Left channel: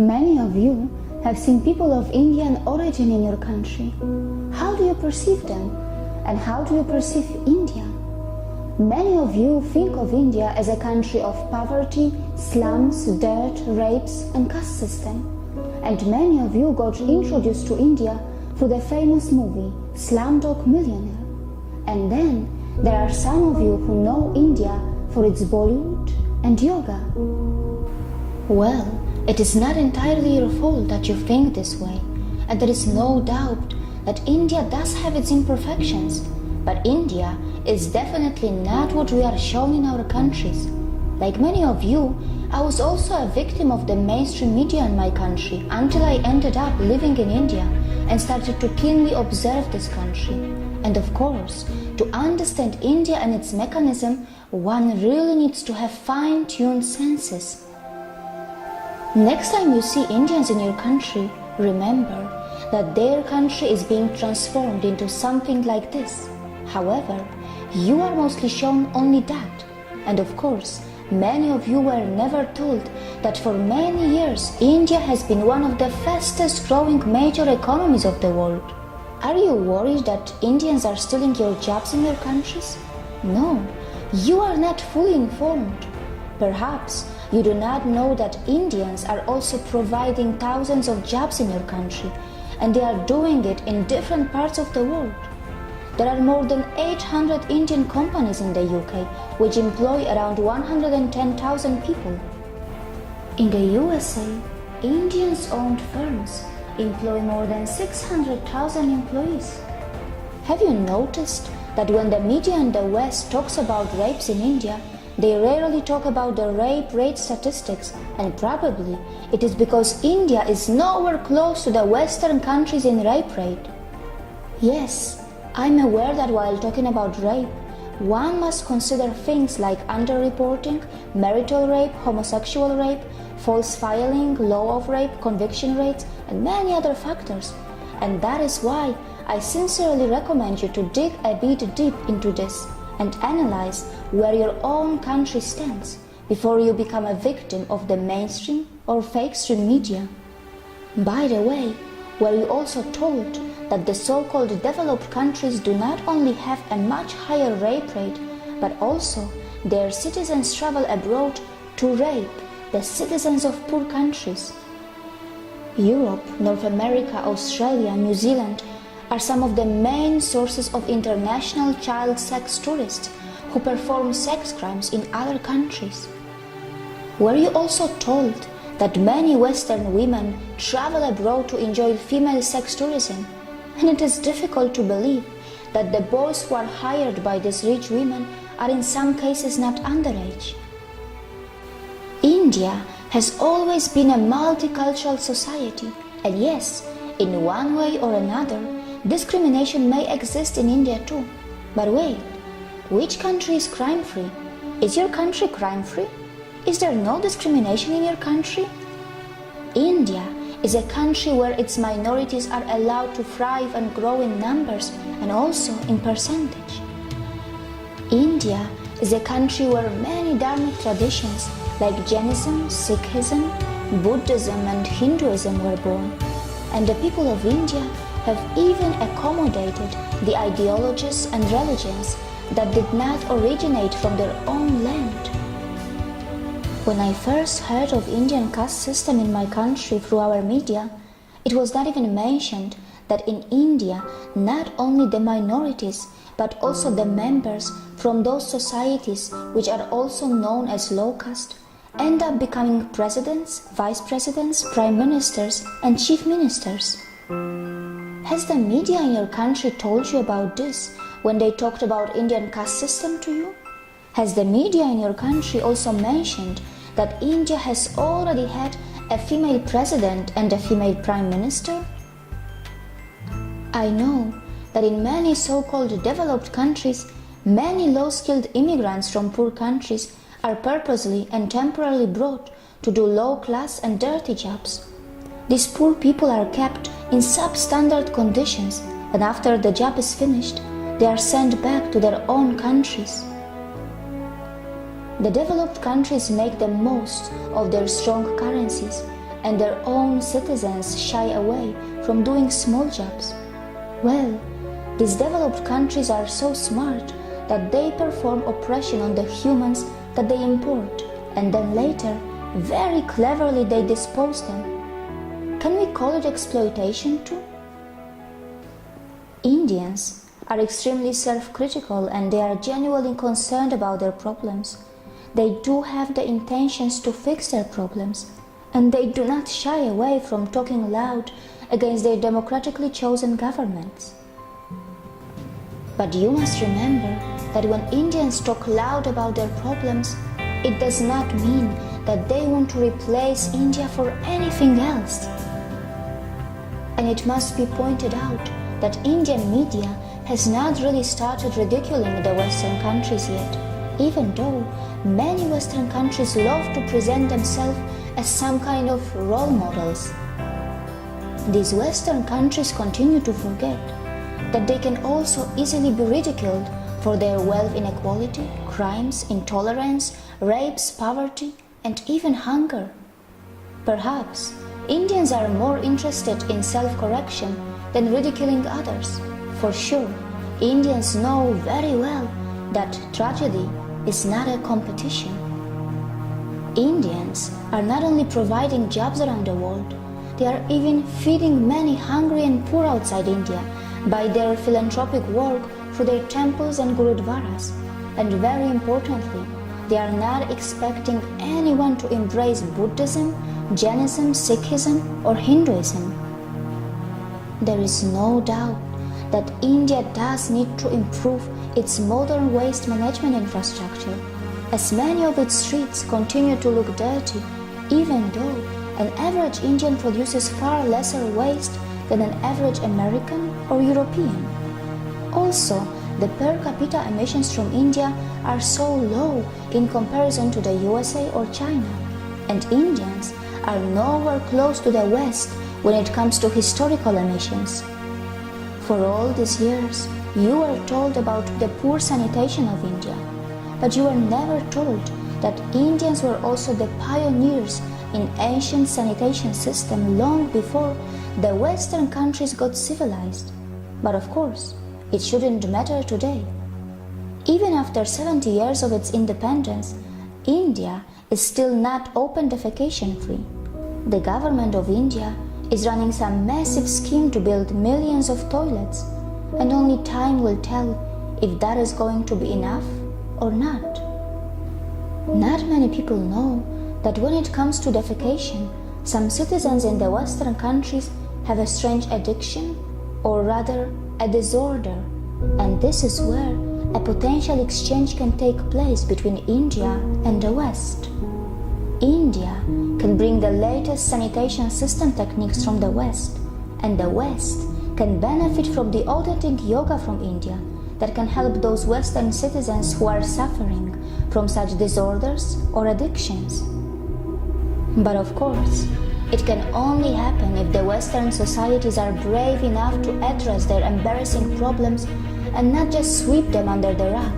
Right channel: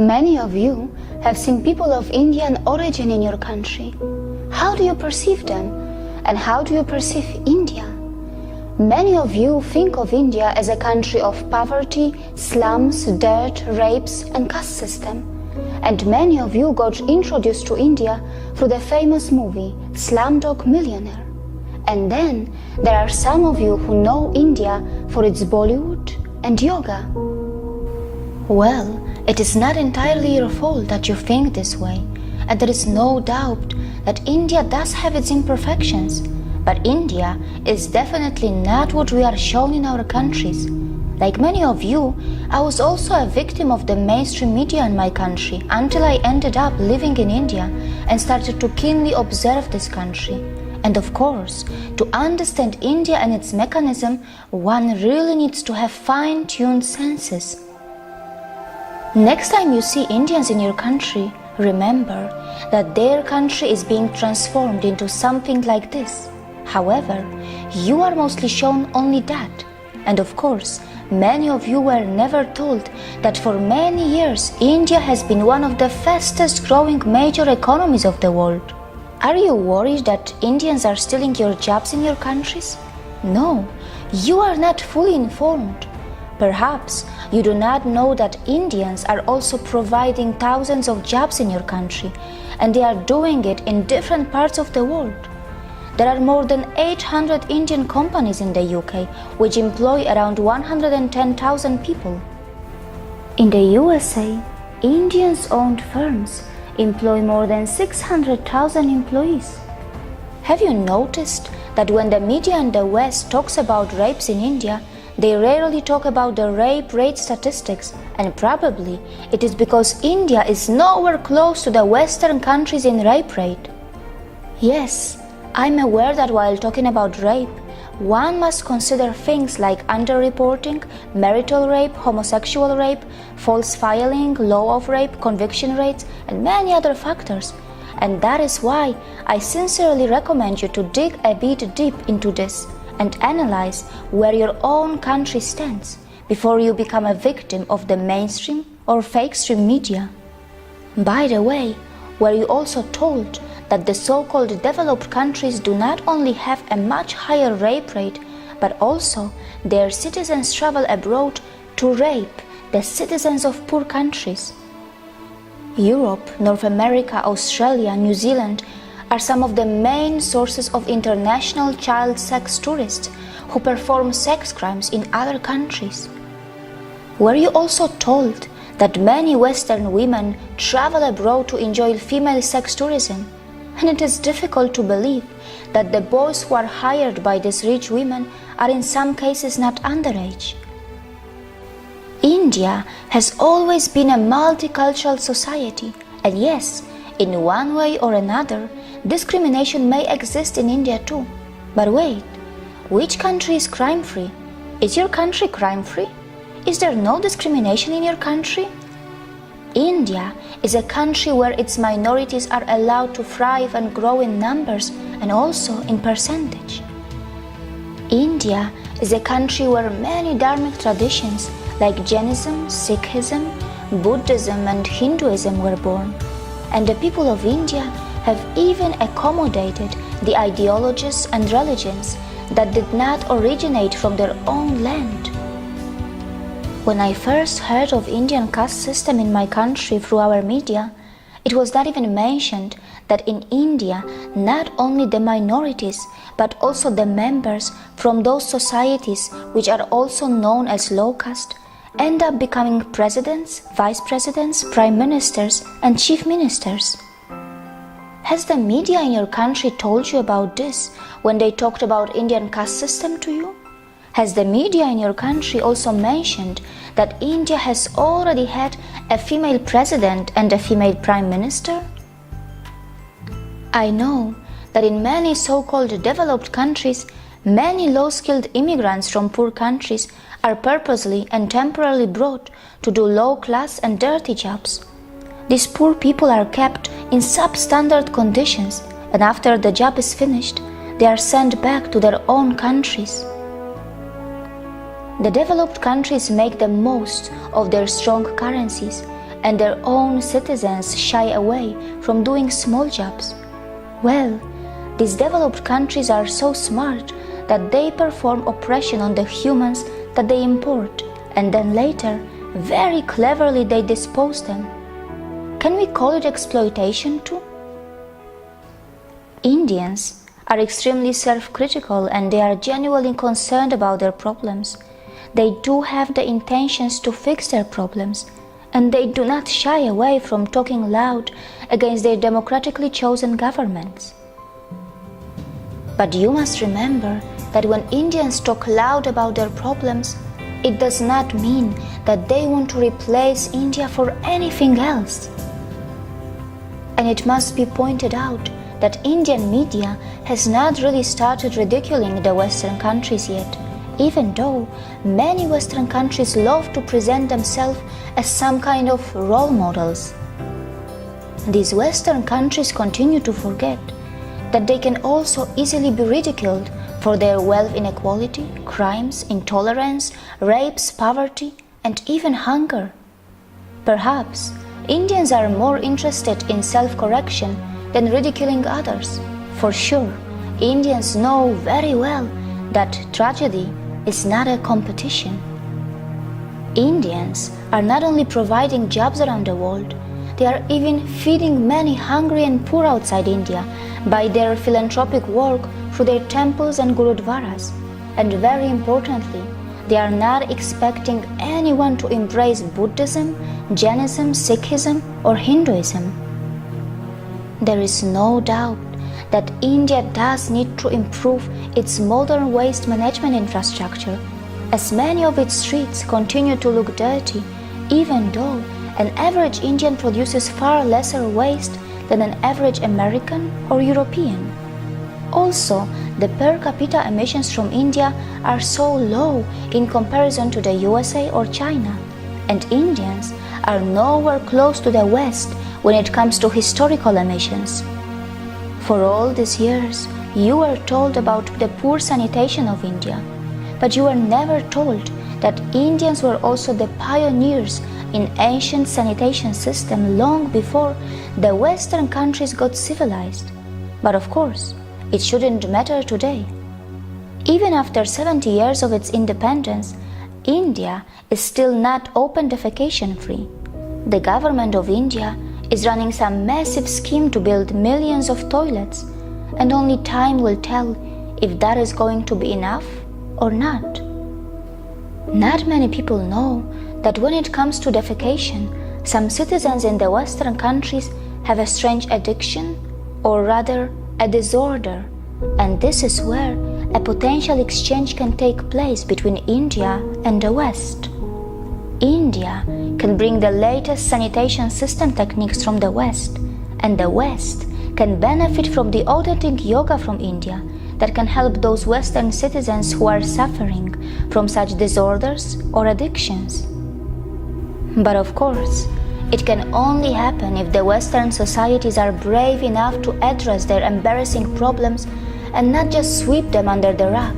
Many of you have seen people of Indian origin in your country. How do you perceive them? And how do you perceive India? Many of you think of India as a country of poverty, slums, dirt, rapes, and caste system. And many of you got introduced to India through the famous movie Slumdog Millionaire. And then there are some of you who know India for its Bollywood and yoga. Well, it is not entirely your fault that you think this way, and there is no doubt that India does have its imperfections, but India is definitely not what we are shown in our countries. Like many of you, I was also a victim of the mainstream media in my country until I ended up living in India and started to keenly observe this country. And of course, to understand India and its mechanism, one really needs to have fine-tuned senses. Next time you see Indians in your country, remember that their country is being transformed into something like this. However, you are mostly shown only that. And of course, many of you were never told that for many years India has been one of the fastest growing major economies of the world. Are you worried that Indians are stealing your jobs in your countries? No, you are not fully informed. Perhaps you do not know that Indians are also providing thousands of jobs in your country, and they are doing it in different parts of the world. There are more than 800 Indian companies in the UK, which employ around 110,000 people. In the USA, Indians-owned firms employ more than 600,000 employees. Have you noticed that when the media in the West talks about rapes in India, they rarely talk about the rape rate statistics, and probably it is because India is nowhere close to the Western countries in rape rate. Yes, I'm aware that while talking about rape, one must consider things like underreporting, marital rape, homosexual rape, false filing, law of rape, conviction rates, and many other factors. And that is why I sincerely recommend you to dig a bit deep into this and analyze where your own country stands before you become a victim of the mainstream or fake stream media. By the way, were you also told that the so-called developed countries do not only have a much higher rape rate, but also their citizens travel abroad to rape the citizens of poor countries? Europe, North America, Australia, New Zealand are some of the main sources of international child sex tourists who perform sex crimes in other countries. Were you also told that many Western women travel abroad to enjoy female sex tourism? And it is difficult to believe that the boys who are hired by these rich women are in some cases not underage. India has always been a multicultural society, and yes, in one way or another, discrimination may exist in India too. But wait, which country is crime-free? Is your country crime-free? Is there no discrimination in your country? India is a country where its minorities are allowed to thrive and grow in numbers and also in percentage. India is a country where many dharmic traditions like Jainism, Sikhism, Buddhism and Hinduism were born. And the people of India have even accommodated the ideologies and religions that did not originate from their own land. When I first heard of Indian caste system in my country through our media, it was not even mentioned that in India, not only the minorities, but also the members from those societies which are also known as low caste, end up becoming presidents, vice presidents, prime ministers, and chief ministers. Has the media in your country told you about this when they talked about Indian caste system to you? Has the media in your country also mentioned that India has already had a female president and a female prime minister? I know that in many so-called developed countries, many low-skilled immigrants from poor countries are purposely and temporarily brought to do low-class and dirty jobs. These poor people are kept in substandard conditions, and after the job is finished, they are sent back to their own countries. The developed countries make the most of their strong currencies and their own citizens shy away from doing small jobs. Well, these developed countries are so smart that they perform oppression on the humans that they import, and then later, very cleverly they dispose them. Can we call it exploitation too? Indians are extremely self-critical and they are genuinely concerned about their problems. They do have the intentions to fix their problems, and they do not shy away from talking loud against their democratically chosen governments. But you must remember that when Indians talk loud about their problems, it does not mean that they want to replace India for anything else. And it must be pointed out that Indian media has not really started ridiculing the Western countries yet, even though many Western countries love to present themselves as some kind of role models. These Western countries continue to forget that they can also easily be ridiculed for their wealth inequality, crimes, intolerance, rapes, poverty, and even hunger. Perhaps Indians are more interested in self-correction than ridiculing others. For sure, Indians know very well that tragedy is not a competition. Indians are not only providing jobs around the world, they are even feeding many hungry and poor outside India by their philanthropic work through their temples and gurudwaras. And very importantly, they are not expecting anyone to embrace Buddhism, Jainism, Sikhism, or Hinduism. There is no doubt that India does need to improve its modern waste management infrastructure, as many of its streets continue to look dirty, even though an average Indian produces far lesser waste than an average American or European. Also, the per capita emissions from India are so low in comparison to the USA or China, and Indians are nowhere close to the West when it comes to historical emissions. For all these years, you were told about the poor sanitation of India, but you were never told that Indians were also the pioneers in ancient sanitation system long before the Western countries got civilized. But of course, it shouldn't matter today. Even after 70 years of its independence, India is still not open defecation free. The government of India is running some massive scheme to build millions of toilets, and only time will tell if that is going to be enough or not. Not many people know that when it comes to defecation, some citizens in the Western countries have a strange addiction, or rather a disorder, and this is where a potential exchange can take place between India and the West. India can bring the latest sanitation system techniques from the West, and the West can benefit from the authentic yoga from India that can help those Western citizens who are suffering from such disorders or addictions. But of course, it can only happen if the Western societies are brave enough to address their embarrassing problems and not just sweep them under the rug,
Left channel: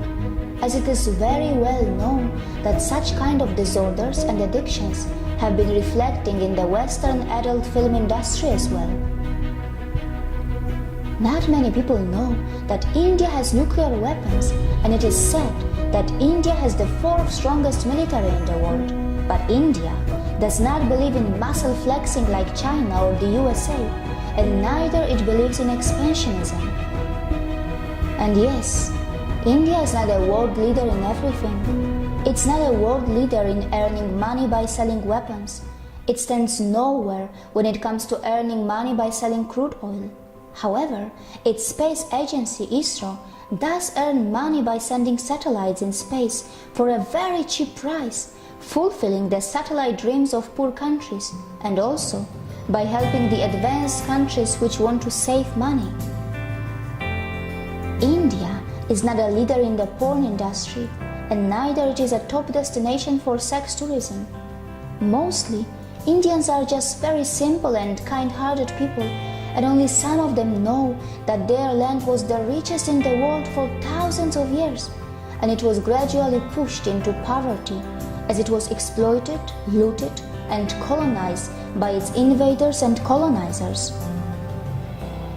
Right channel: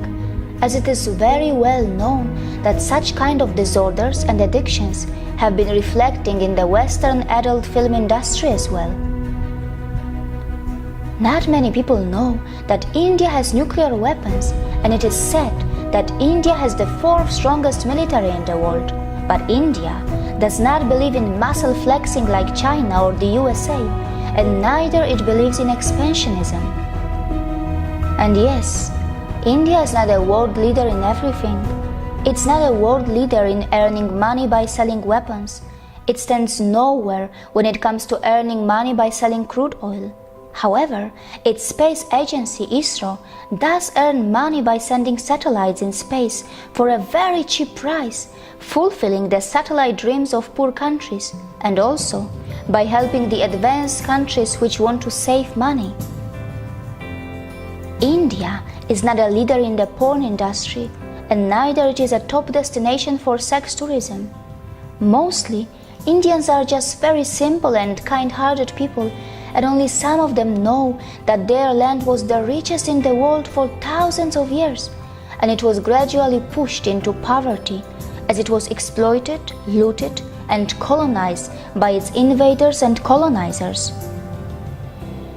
as it is very well known that such kind of disorders and addictions have been reflecting in the Western adult film industry as well. Not many people know that India has nuclear weapons, and it is said that India has the fourth strongest military in the world. But India does not believe in muscle flexing like China or the USA, and neither it believes in expansionism. And yes, India is not a world leader in everything. It's not a world leader in earning money by selling weapons. It stands nowhere when it comes to earning money by selling crude oil. However, its space agency, ISRO, does earn money by sending satellites in space for a very cheap price, fulfilling the satellite dreams of poor countries, and also by helping the advanced countries which want to save money. India is not a leader in the porn industry, and neither it is a top destination for sex tourism. Mostly, Indians are just very simple and kind-hearted people, and only some of them know that their land was the richest in the world for thousands of years, and it was gradually pushed into poverty as it was exploited, looted, and colonized by its invaders and colonizers.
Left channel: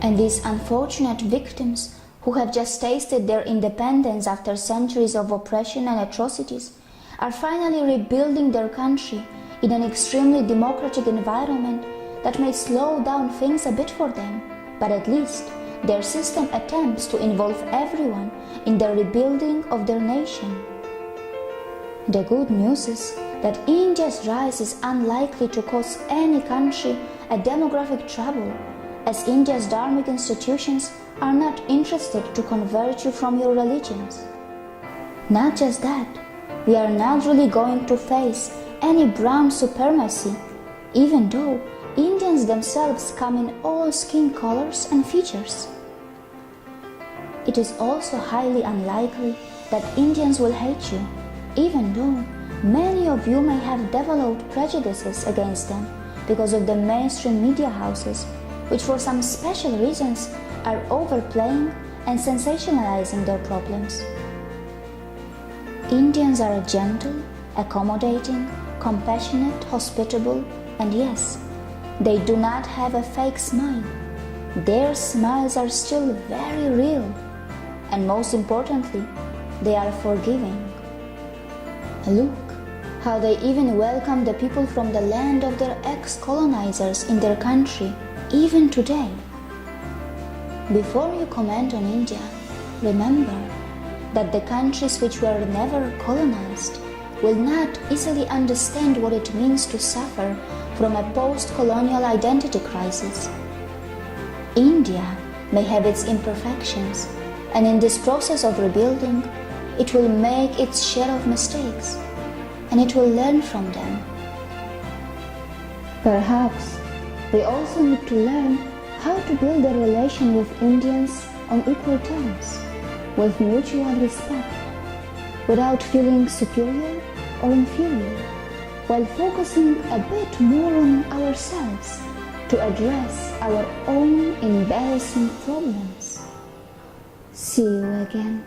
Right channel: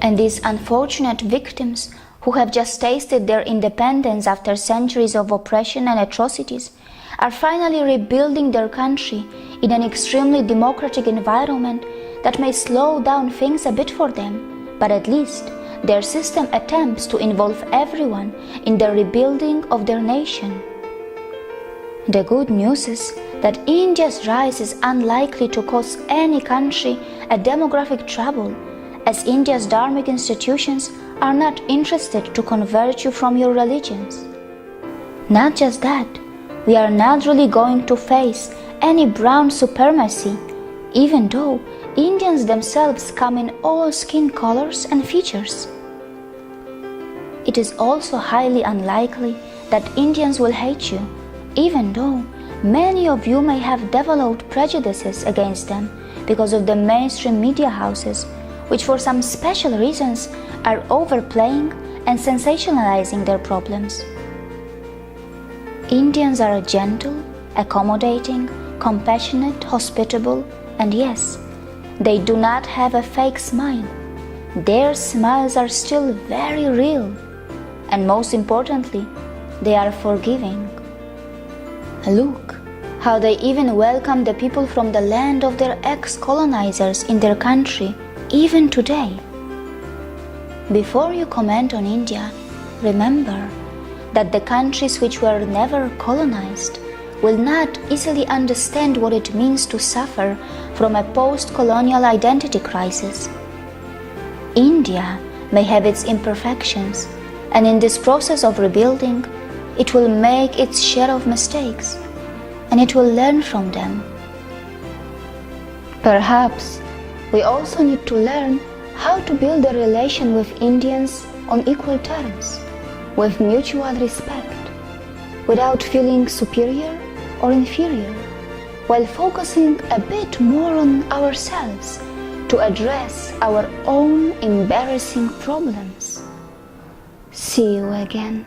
And these unfortunate victims who have just tasted their independence after centuries of oppression and atrocities are finally rebuilding their country in an extremely democratic environment that may slow down things a bit for them, but at least their system attempts to involve everyone in the rebuilding of their nation. The good news is that India's rise is unlikely to cause any country a demographic trouble, as India's dharmic institutions are not interested to convert you from your religions. Not just that, we are not really going to face any brown supremacy, even though Indians themselves come in all skin colors and features. It is also highly unlikely that Indians will hate you, even though many of you may have developed prejudices against them because of the mainstream media houses, which for some special reasons are overplaying and sensationalizing their problems. Indians are gentle, accommodating, compassionate, hospitable, and yes, they do not have a fake smile. Their smiles are still very real, and most importantly, they are forgiving. Look how they even welcome the people from the land of their ex-colonizers in their country, even today. Before you comment on India, remember that the countries which were never colonized will not easily understand what it means to suffer from a post-colonial identity crisis. India may have its imperfections, and in this process of rebuilding, it will make its share of mistakes, and it will learn from them. Perhaps we also need to learn how to build a relation with Indians on equal terms, with mutual respect, without feeling superior or inferior, while focusing a bit more on ourselves to address our own embarrassing problems. See you again.